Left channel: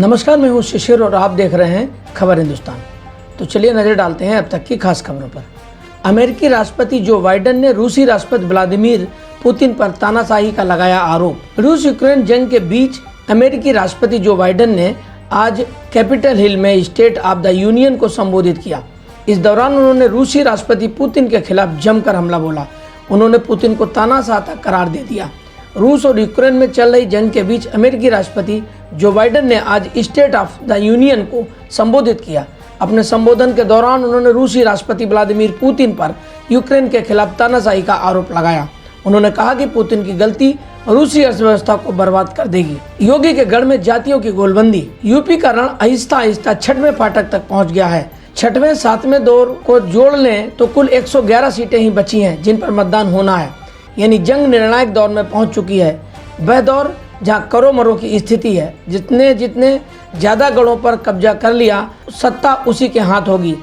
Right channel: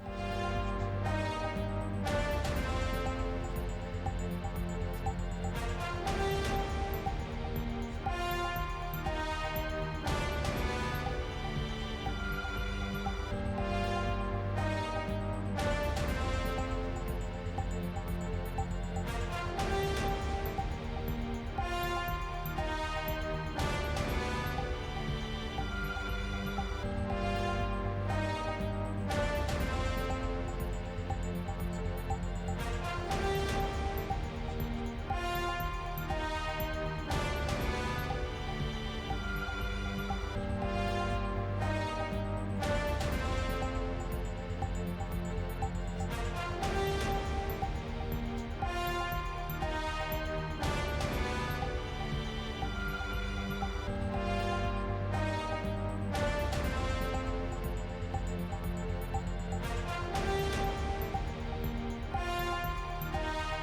नमस्कार, मैं हूं शिशिर और आप देख रहे हैं खबर हिंदुस्तान। तो चलिए नजर डालते हैं अब तक की खास खबरों पर। अमेरिकी राष्ट्रपति जो बाइडेन ने रूसी राष्ट्रपति व्लादिमीर पुतिन पर तानाशाही का लगाया आरोप। रूस यूक्रेन जंग के बीच अमेरिकी राष्ट्रपति जो बाइडेन ने आज कैपिटल हिल में स्टेट ऑफ द यूनियन को संबोधित किया। इस दौरान उन्होंने रूसी राष्ट्रपति पुतिन के खिलाफ जमकर हमला बोला। उन्होंने पुतिन को तानाशाह करार दे दिया। रूस और यूक्रेन में चल रही जंग के बीच अमेरिकी राष्ट्रपति जो बाइडेन ने आज स्टेट ऑफ द यूनियन को संबोधित किया। अपने संबोधन के दौरान उन्होंने रूसी राष्ट्रपति व्लादिमीर पुतिन पर यूक्रेन के खिलाफ तानाशाही का आरोप लगाया। उन्होंने कहा कि पुतिन की गलती रूसी अर्थव्यवस्था को बर्बाद कर देगी। योगी के गढ़ में जातियों की गोलबंदी। यूपी का रण आहिस्ता आहिस्ता छठवें फाटक तक पहुंच गया है। छठवें सातवें दौर को जोड़ लें तो कुल 111 सीटें ही बची हैं जिन पर मतदान होना है, यानी जंग निर्णायक दौर में पहुंच चुकी है। वह दौर जहां करो मरो की स्थिति है। जितने ज्यादा गढ़ों पर कब्जा कर लिया सत्ता उसी के हाथ होगी।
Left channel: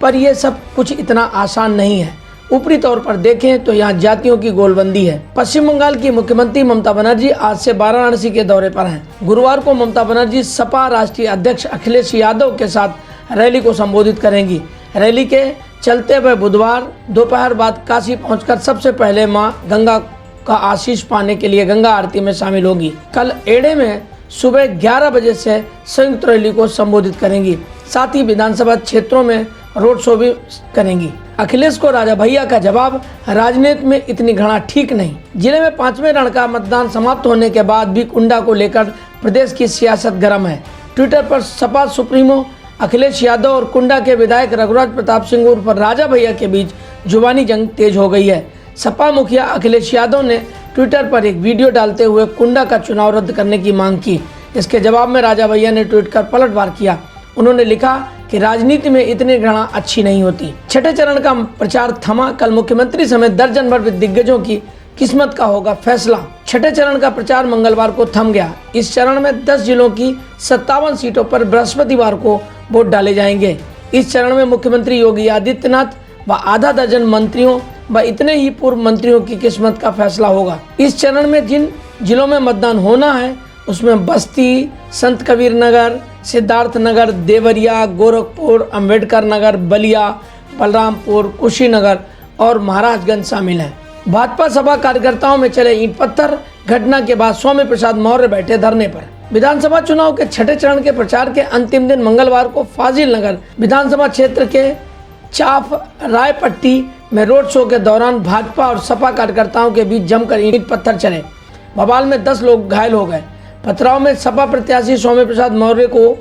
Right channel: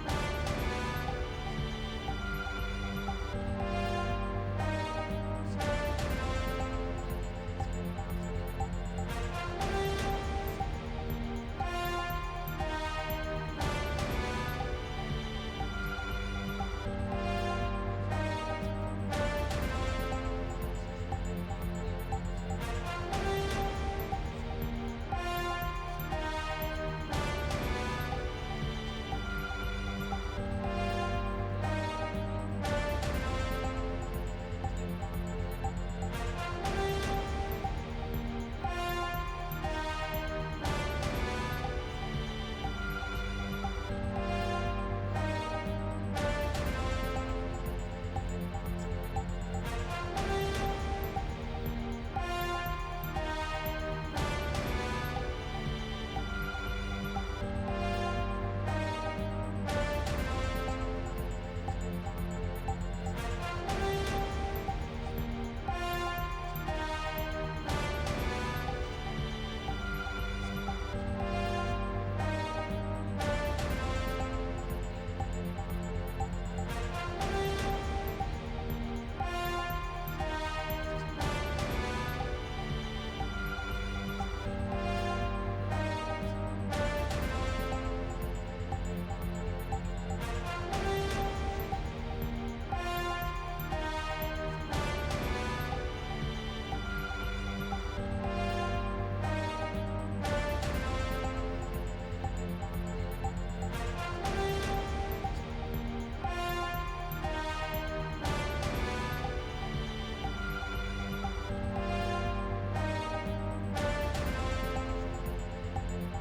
पर यह सब कुछ इतना आसान नहीं है। ऊपरी तौर पर देखें तो यहाँ जातियों की गोलबंदी है। पश्चिम बंगाल की मुख्यमंत्री ममता बनर्जी आज से वाराणसी के दौरे पर हैं। गुरुवार को ममता बनर्जी सपा राष्ट्रीय अध्यक्ष अखिलेश यादव के साथ रैली को संबोधित करेंगी। रैली के चलते हुए बुधवार दोपहर बाद काशी पहुंचकर सबसे पहले मां गंगा का आशीष पाने के लिए गंगा आरती में शामिल होगी। कल एड़े में सुबह 11 बजे से संयुक्त रैली को संबोधित करेंगी। साथ ही विधानसभा क्षेत्रों में रोड शो भी करेंगी। अखिलेश को राजा भैया का जवाब, राजनीति में इतनी घृणा ठीक नहीं। जिले में 5वें रण का मतदान समाप्त होने के बाद भी कुंडा को लेकर प्रदेश की सियासत गर्म है। ट्विटर पर सपा सुप्रीमो अखिलेश यादव और कुंडा के विधायक रघुराज प्रताप सिंह उर्फ राजा भैया के बीच जुबानी जंग तेज हो गई है। सपा मुखिया अखिलेश यादव ने ट्विटर पर एक वीडियो डालते हुए कुंडा का चुनाव रद्द करने की मांग की। इसके जवाब में राजा भैया ने ट्वीट कर पलटवार किया। उन्होंने लिखा कि राजनीति में इतनी घृणा अच्छी नहीं होती। छठे चरण का प्रचार थमा। कल मुख्यमंत्री समेत दर्जन भर दिग्गजों की किस्मत का होगा फैसला। छठे चरण का प्रचार मंगलवार को थम गया। इस चरण में 10 जिलों की 57 सीटों पर बृहस्पतिवार को वोट डाले जाएंगे। इस चरण में मुख्यमंत्री योगी आदित्यनाथ व आधा दर्जन मंत्रियों व इतने ही पूर्व मंत्रियों की किस्मत का फैसला होगा। इस चरण में जिन जिलों में मतदान होना है उसमें बस्ती, संत कबीर नगर, सिद्धार्थ नगर, देवरिया, गोरखपुर, अंबेडकर नगर, बलिया, बलरामपुर, कुशीनगर और महाराजगंज शामिल हैं। भाजपा सभा कार्यकर्ताओं में चले ईंट पत्थर। घटना के बाद स्वामी प्रसाद मौर्य बैठे धरने पर। विधानसभा चुनाव के छठे चरण के प्रचार के अंतिम दिन मंगलवार को फाजिल नगर विधानसभा क्षेत्र के चाफ रायपट्टी में रोड शो के दौरान भाजपा और सपा कार्यकर्ताओं के बीच जमकर ईंट पत्थर चले। बवाल में 10 लोग घायल हो गए। पथराव में सपा प्रत्याशी स्वामी प्रसाद मौर्य को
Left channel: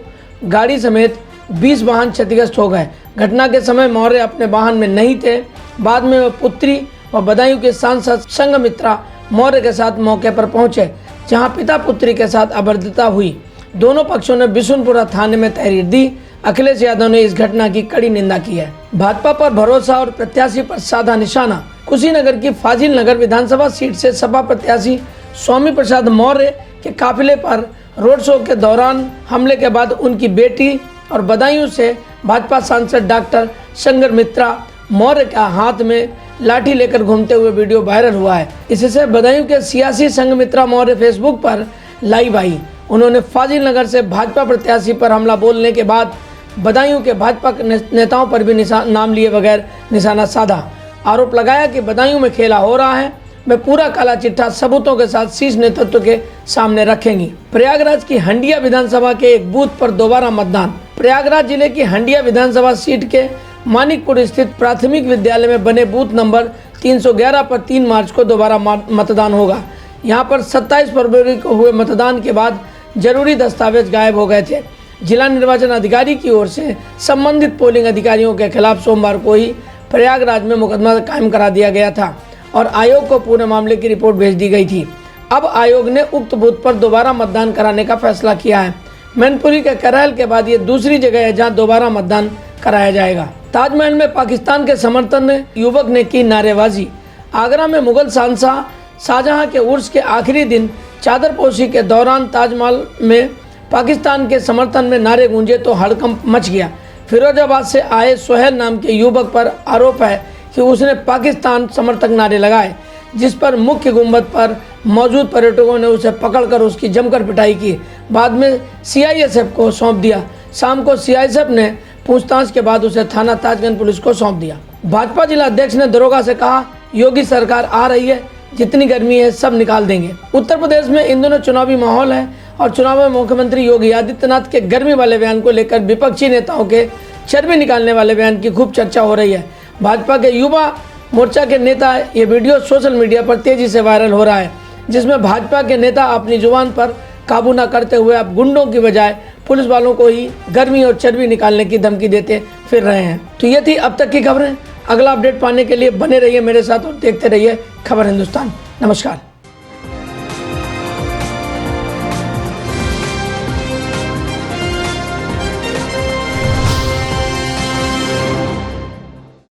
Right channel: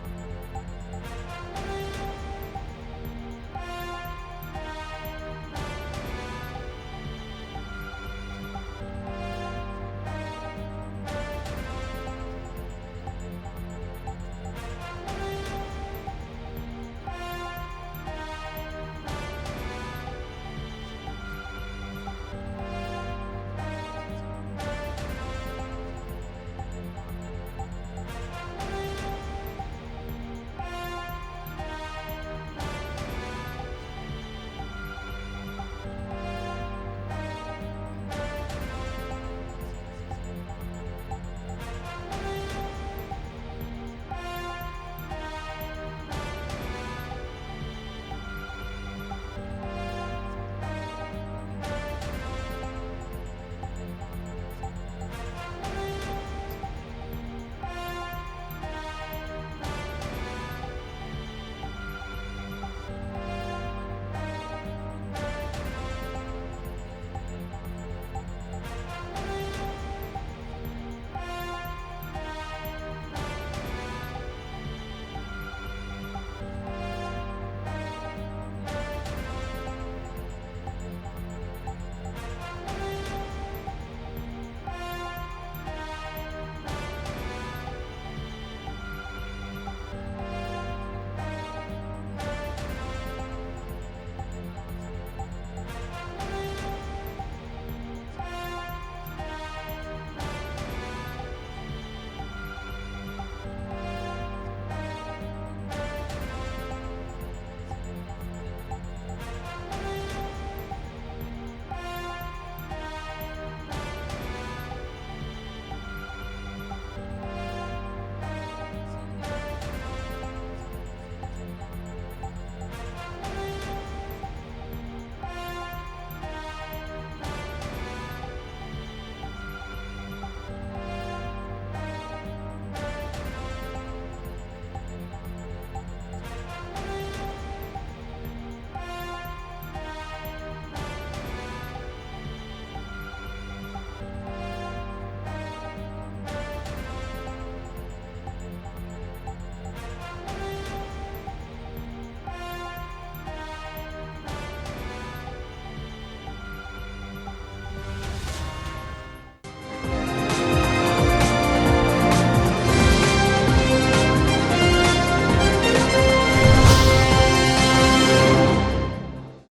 गाड़ी समेत 20 वाहन क्षतिग्रस्त हो गए। घटना के समय मौर्य अपने वाहन में नहीं थे। बाद में वह पुत्री व बदायूं के सांसद संघमित्रा मौर्य के साथ मौके पर पहुंचे, जहां पिता पुत्री के साथ अभद्रता हुई। दोनों पक्षों ने बिशुनपुरा थाने में तहरीर दी। अखिलेश यादव ने इस घटना की कड़ी निंदा की है। भाजपा पर भरोसा और प्रत्याशी पर साधा निशाना। कुशीनगर की फाजिल नगर विधानसभा सीट से सपा प्रत्याशी स्वामी प्रसाद मौर्य के काफिले पर रोड शो के दौरान हमले के बाद उनकी बेटी और बदायूं से भाजपा सांसद डॉक्टर संघमित्रा मौर्य का हाथ में लाठी लेकर घूमते हुए वीडियो वायरल हुआ है। इससे बदायूं के सियासी संघमित्रा मौर्य फेसबुक पर लाइव आई। उन्होंने फाजिल नगर से भाजपा प्रत्याशी पर हमला बोलने के बाद बदायूं के भाजपा नेताओं पर भी नाम लिए बगैर निशाना साधा। आरोप लगाया कि बदायूं में खेला हो रहा है। वे पूरा काला चिट्ठा सबूतों के साथ शीर्ष नेतृत्व के सामने रखेंगी। प्रयागराज की हंडिया विधानसभा के एक बूथ पर दोबारा मतदान। प्रयागराज जिले की हंडिया विधानसभा सीट के मानिकपुर स्थित प्राथमिक विद्यालय में बने बूथ नंबर 311 पर 3 मार्च को दोबारा मतदान होगा। यहाँ पर 27 फरवरी को हुए मतदान के बाद जरूरी दस्तावेज गायब हो गए थे। जिला निर्वाचन अधिकारी की ओर से संबंधित पोलिंग अधिकारियों के खिलाफ सोमवार को ही प्रयागराज में मुकदमा कायम करा दिया गया था और आयोग को पूरे मामले की रिपोर्ट भेज दी गई थी। अब आयोग ने उक्त बूथ पर दोबारा मतदान कराने का फैसला किया है। मैनपुरी के करैल के बाद ये दूसरी जगह है जहां दोबारा मतदान कराया जाएगा। ताजमहल में पाकिस्तान के समर्थन में युवक ने की नारेबाजी। आगरा में मुगल शहंशाह शाहजहां के उर्स के आखिरी दिन चादरपोशी के दौरान ताजमहल में पाकिस्तान के समर्थन में नारे गूंजे तो हड़कंप मच गया। फिरोजाबाद से आए सोहेल नाम के युवक पर आरोप है कि उसने पाकिस्तान समर्थक नारे लगाए। जिस पर मुख्य गुंबद पर मौजूद पर्यटकों ने उसे पकड़कर उसकी जमकर पिटाई की। बाद में सीआईएसएफ को सौंप दिया। शाम को सीआईएसएफ ने पूछताछ के बाद उसे थाना ताजगंज पुलिस को सौंप दिया। भाजपा जिला अध्यक्ष ने दरोगा से कहा, योगी सरकार आ रही है, जितनी गर्मी है सब निकाल देंगे। उत्तर प्रदेश में इन दिनों चुनावी माहौल है और चुनाव में मुख्यमंत्री योगी आदित्यनाथ के गर्मी वाले बयान को लेकर विपक्षी नेताओं के चर्बी निकालने वाले बयान की खूब चर्चा हो रही है। भाजपा के युवा मोर्चा के नेता ये वीडियो सोशल मीडिया पर तेजी से वायरल हो रहा है, जिसमें भाजपा के नेता अपनी जुबान पर काबू न करते हुए अब गुंडों की बजाय पुलिस वालों को ही गर्मी और चर्बी निकालने की धमकी देते फिर रहे हैं। तो ये थी अब तक की खबरें। अगला अपडेट पाने के लिए बने रहिए मेरे साथ और देखते रहिए खबर हिंदुस्तान। नमस्कार।